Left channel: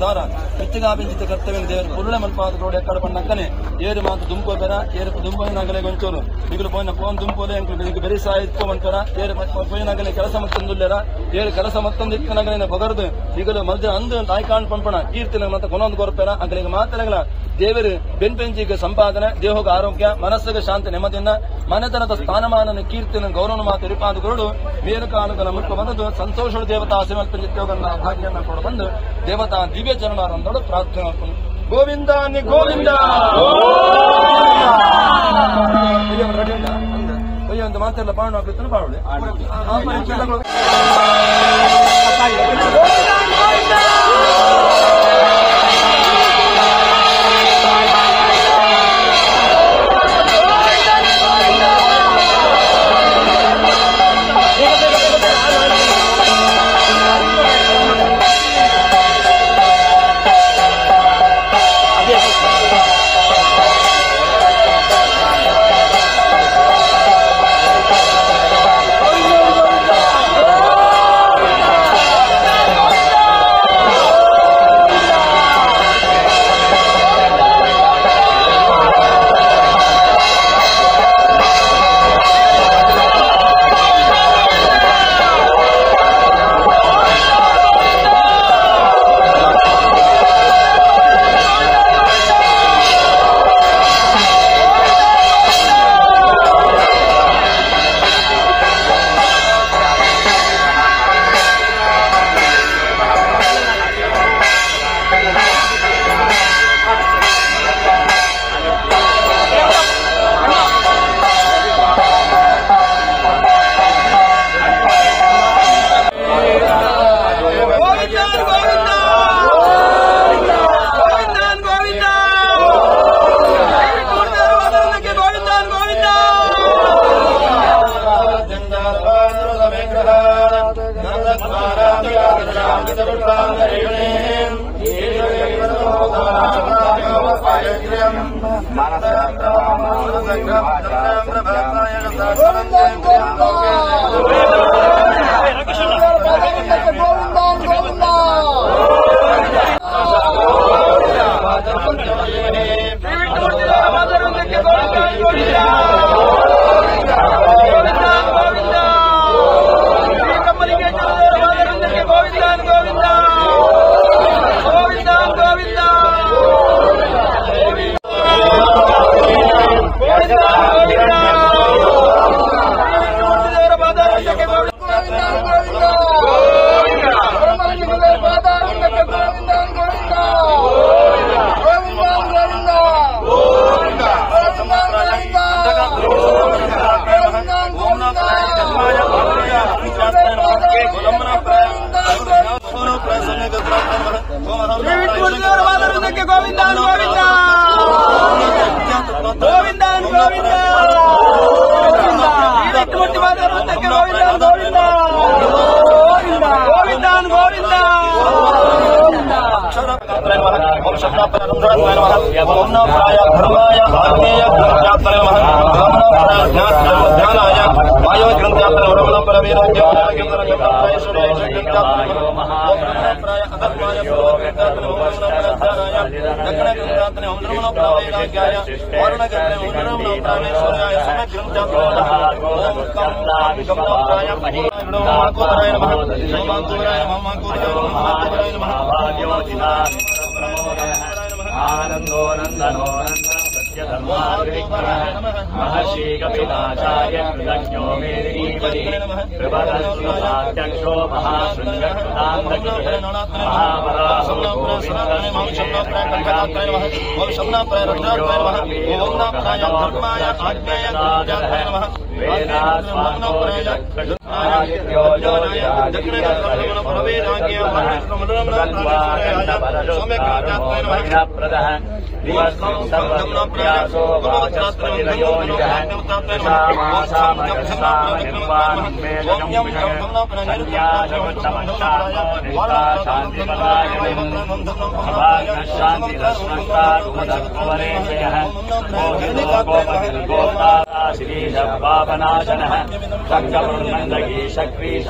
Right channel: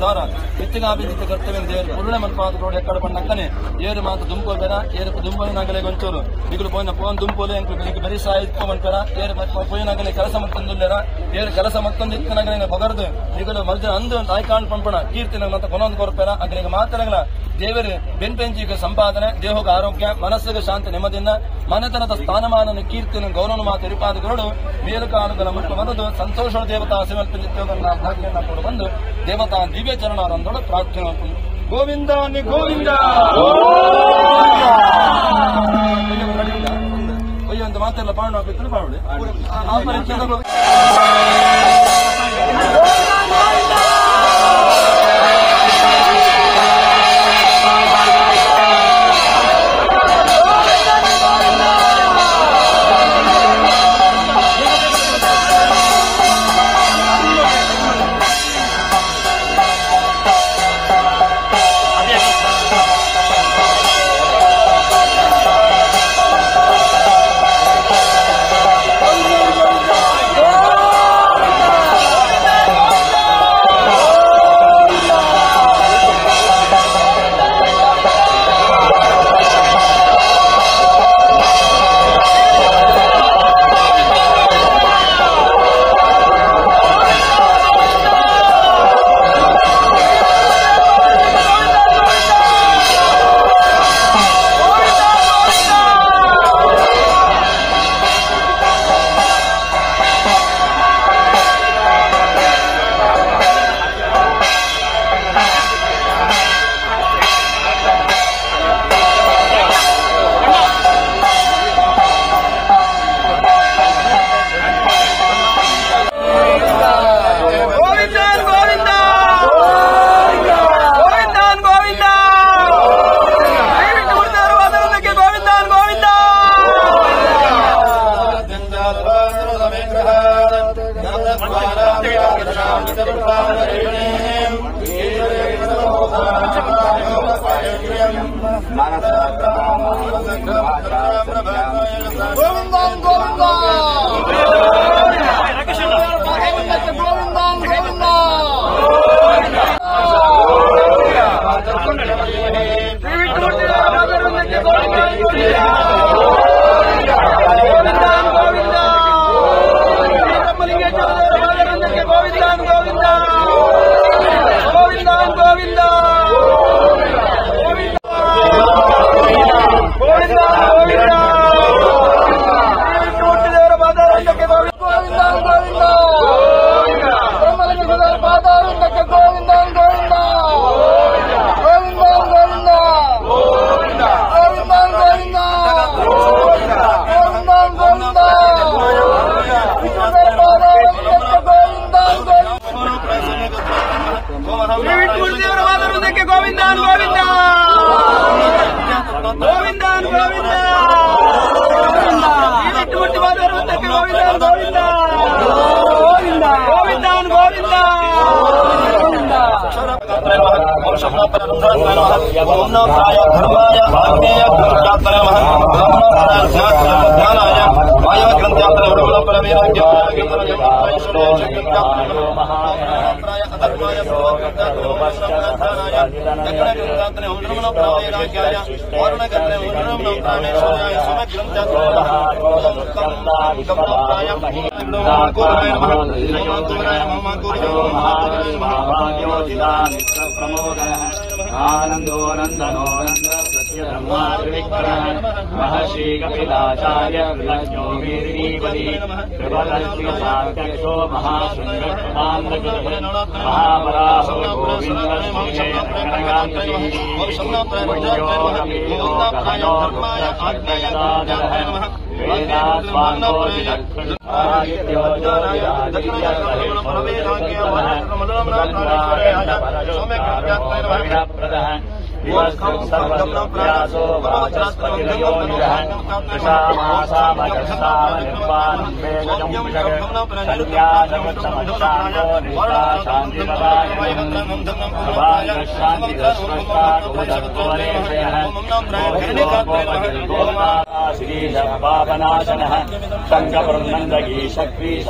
ద్వారా నిత్యగాభించిత కర్తవ్యం పురుణ మనపాటు ఎక్కడ పడినక్కనే ఏరు మాకు దుంపోతారా ఏరు దుంపని నగలే కొంచూరు మిగులు పోయిన ఫోన్ దుంపోలే మీకు బెరి సాయిపోమంటారా ఏరు పోయిన నగలే ಕೆಲಸ ಮತ್ತೊಂದಿಲ್ಲರ ಏರು ಕೆಲಸ ಮತ್ತೊಂದಿತ್ತು ನಗಲಿನ ಬಗರ್ದು ಈಗಲೂ ಮಧ್ಯ ಅಂದು ನಾಯ್ಕಾಂಡ್ ಪಂಪಣ ಕೀರ್ತಿನ ಮತ್ತೆ ಕೊನೊಂದು ಕೊರಪೇರ ಅಗಲಿಗೆ ಮಾತನೆಗಳ ದೇವರು ಬೆನ್ಪೆಂಚಿಗೆ ಸಂಪಾದನೆ ದೇಹಗ ಆರೋಗ್ಯ ಮನಸ್ಸಿಗೆ ಶಾಂತಿ ನೆಮ್ಮದಿಯಿಂದ ಮನೆತನದ ಸ್ಥಾನಮಾನ ಕೀರ್ತಿನ ಗೌರವ ಮಾತು ಇರಿಪಾದುಗಳು ಬೇರುಕಾಲುಗಳ ಮುಟ್ಟು ಬರೆದು ಸಂತೋಷ ದೇವತಾ ಸಮರ್ಪಿಸುವುದನ್ನ ಭಾಗ್ಯನ್ನ ಕೊಡು ಬಂದು ದೇವತಾ ದಿವ್ಯ ಚರಣಾರಂದೋಡು ಪ್ರಾರ್ಥನೆ ಗೋವಿಂದ ಗೋವಿಂದ ಅಂತ ಮಾತೆಲ್ಲ ಪಾವನ ಆಗುತ್ತೆ ಪಾವನ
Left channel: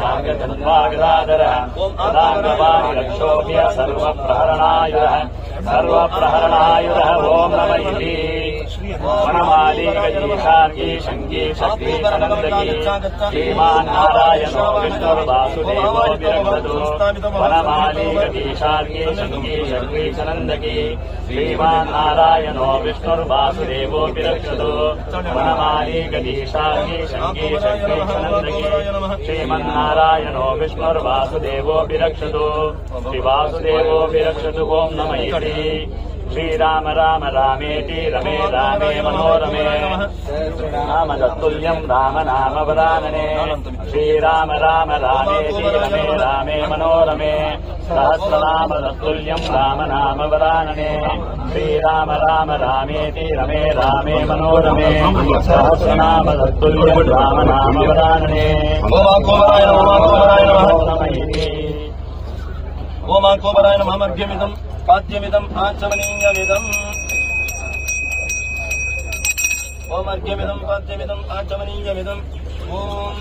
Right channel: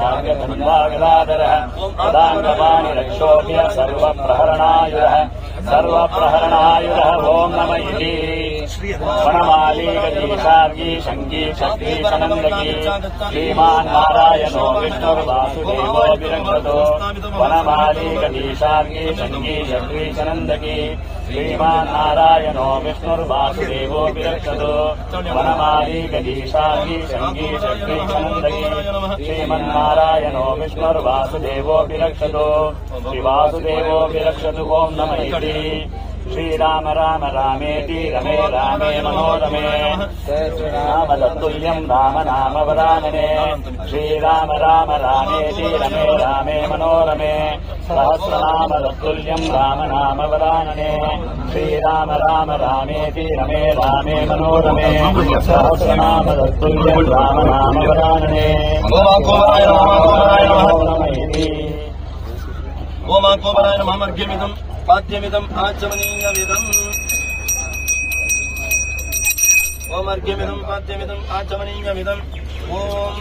स्वागत श्रीमन्नारायणो विष्णुर्वासुदेवो विरक्षतो श्रीमन्नारायणो विष्णुर्वासुदेवो विरक्षतो वासुदेवो विरक्षतु ओं नमः श्रीराम राम रामेति रमे रामे नमो रमे श्रीरामतुल्यं राम नाम वरानने श्रीराम राम रामेति रमे नमो रमे श्रीरामतुल्यं राम नाम वरानने श्रीराम राम रामेति रमे रामे नमो रमे ओम कोबराय नमः मध्यमिदं पाद्यमिदं आचमनीयमिदम् ओम अर्घ्यमिदं पाद्यमिदं आचमनीयमिदम् ओम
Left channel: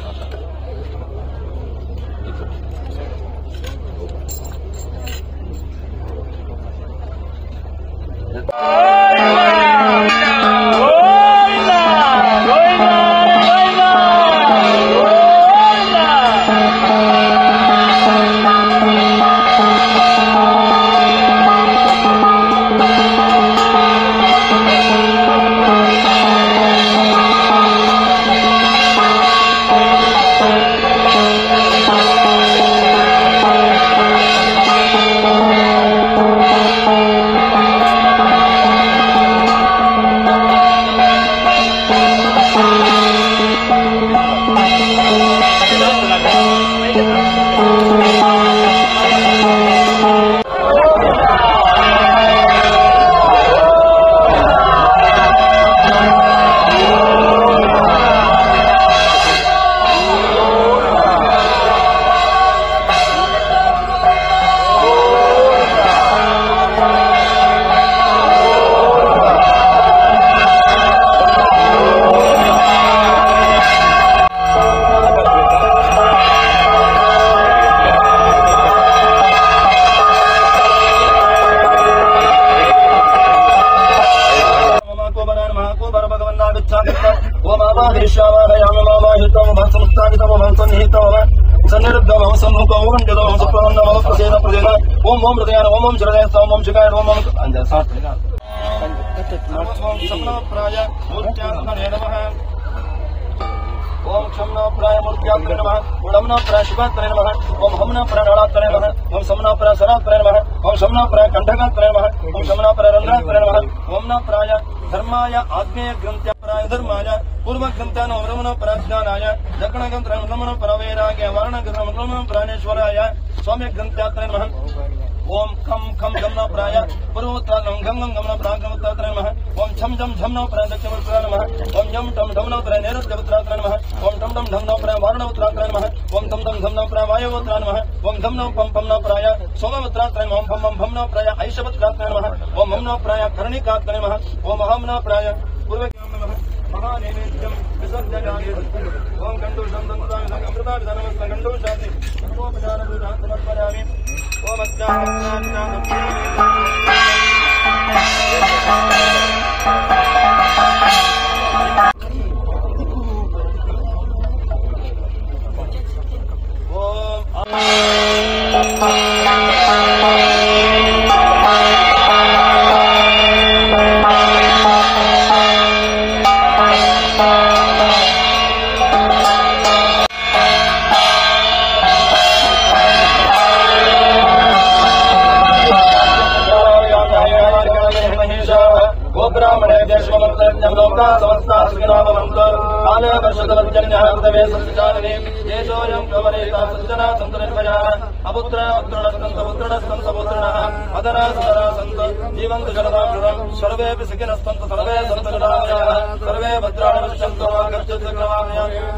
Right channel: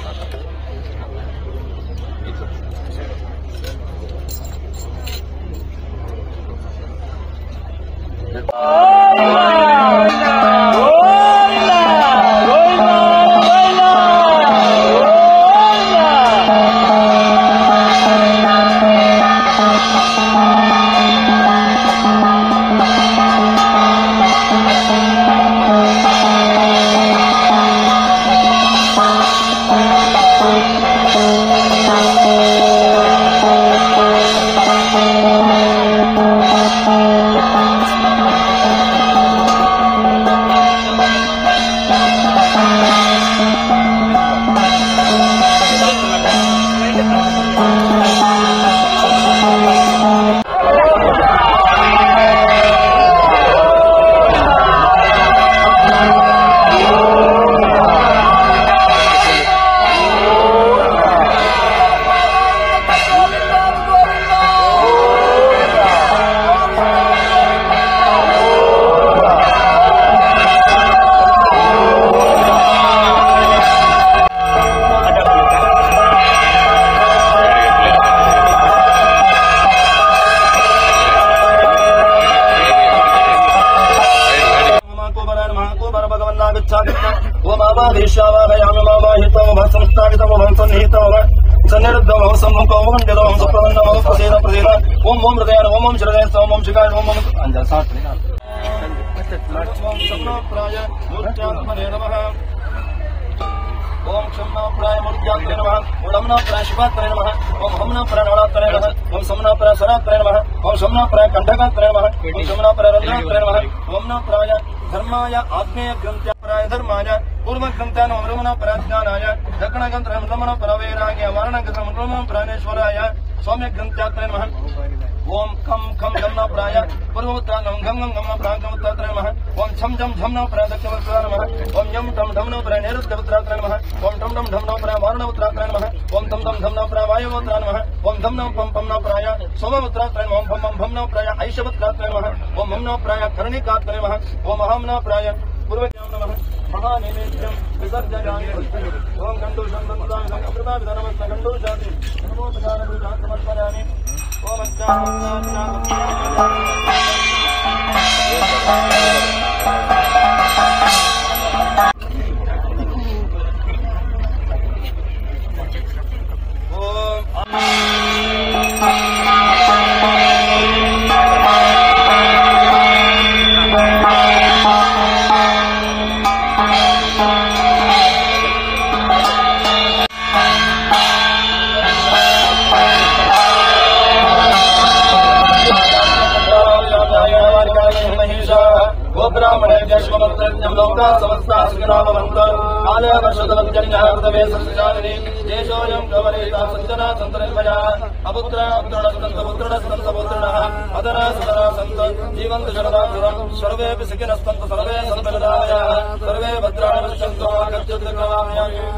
ओम क्षमनाप्राय मूर्त्यात्रे नमः ओम नमनाप्राय शिवात्रे नमः ओम हमनाप्राय नळात्रे नमः ओम समनाप्राय सरात्रे नमः ओम शमनाप्राय कंठकात्रे नमः ओम शमनाप्राय रन्ध्रात्रे नमः ओम नमनाप्राय धर्माय आग्नेय ग्रंथ्याप्राय धर्माय पूर्व ग्रंथाय नमनाप्राय ज्ञानाय दक्षिण ग्रंथाय नमनाप्राय वैराग्य मरण ग्रंथाय नमनाप्रायेश्वराय स्वामी ग्रंथ्यात्रे नमः ओम खम खम गमनाप्राय पूर्वोत्तरं गम गम गमनाप्राय गमोत्तराय नमः ओम छम झम झमनाप्राय दक्षिणोत्तराय नमः ओम जम टम ढमनाप्राय नैऋत्योत्तराय नमः ओम टम टम ढमनाप्राय वारणोत्तराय नमः ओम धम धम धमनाप्राय वायुवोत्तराय नमः ओम धम नम पम पमनाप्राय सोमोत्तराय नमः ओम पम भमनाप्राय ऐशवोत्तराय नमः ओम हमनाप्राय कर्णिकात्रे नमः ओम हमनाप्राय पूर्वज्ञान नमः महानैवेद्यं विसर्जयामि ओम गंधु संगंतं मंगलदाय नमः गंधु जाति ओम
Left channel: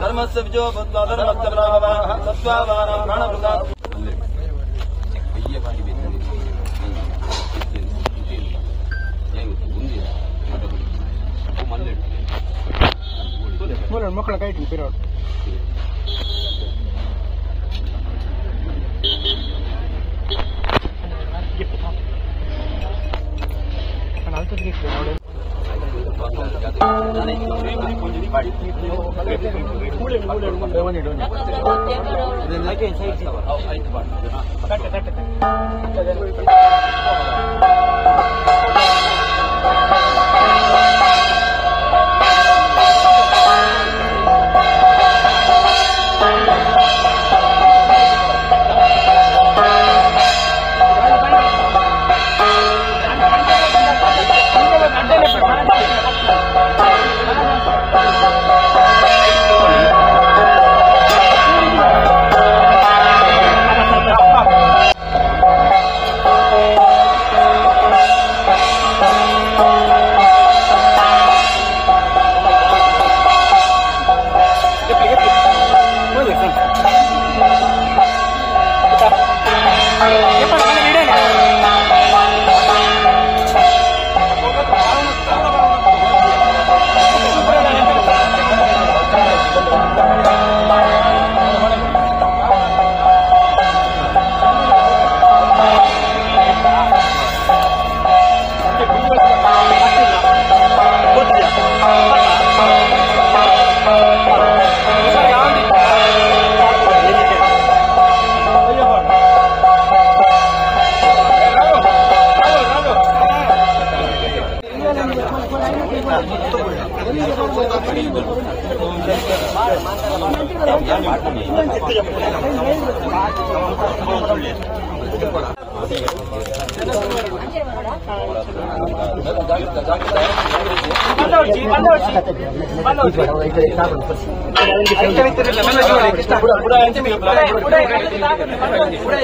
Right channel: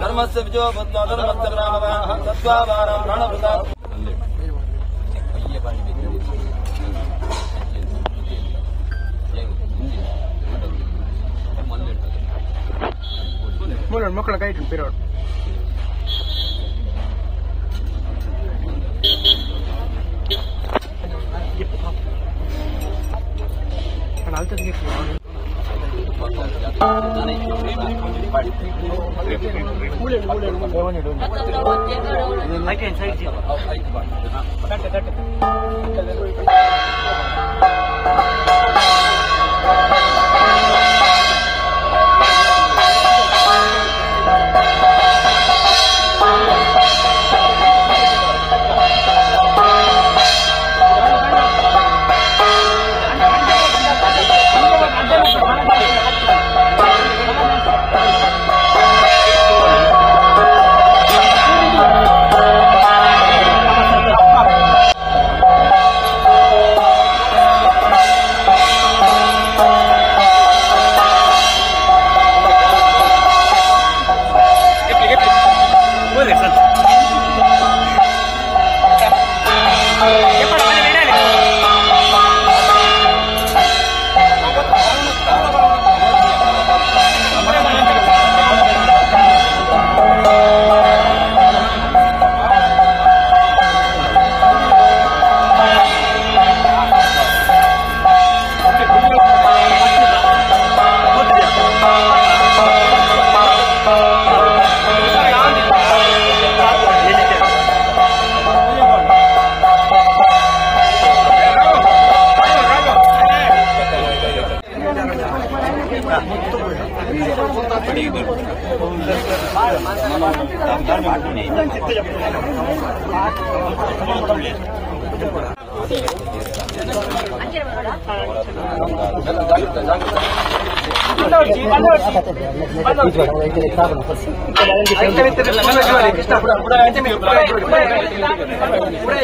धर्मस्य विजयो बुद्धो धर्मस्य ब्राह्मणः सत्त्वावानां प्राणप्रदाः ಮಕ್ಕಳ ಕೈ ಇಟ್ಟಿರ್ತೀರ Alta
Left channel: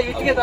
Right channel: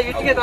ಇಟ್ಟಿಗೆ